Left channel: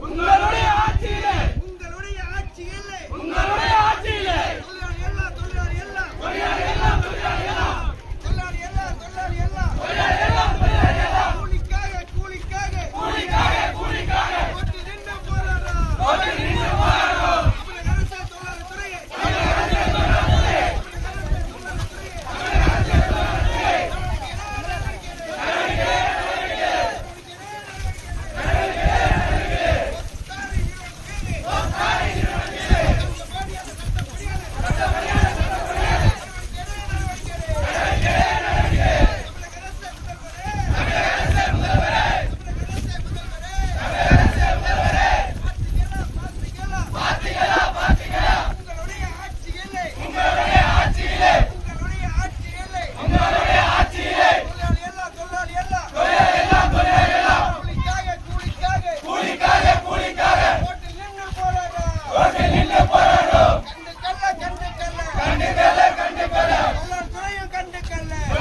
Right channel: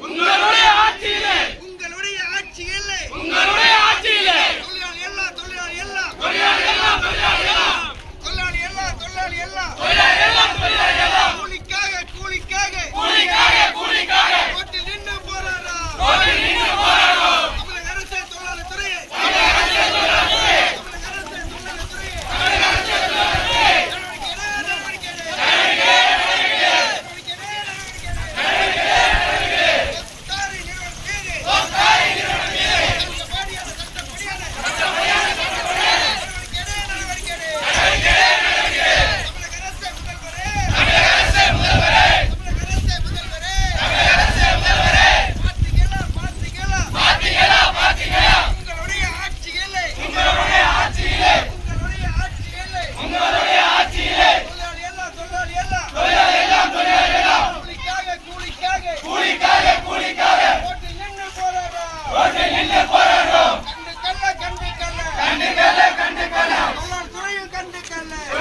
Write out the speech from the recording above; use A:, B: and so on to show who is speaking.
A: ¡Unidos!
B: Yeah.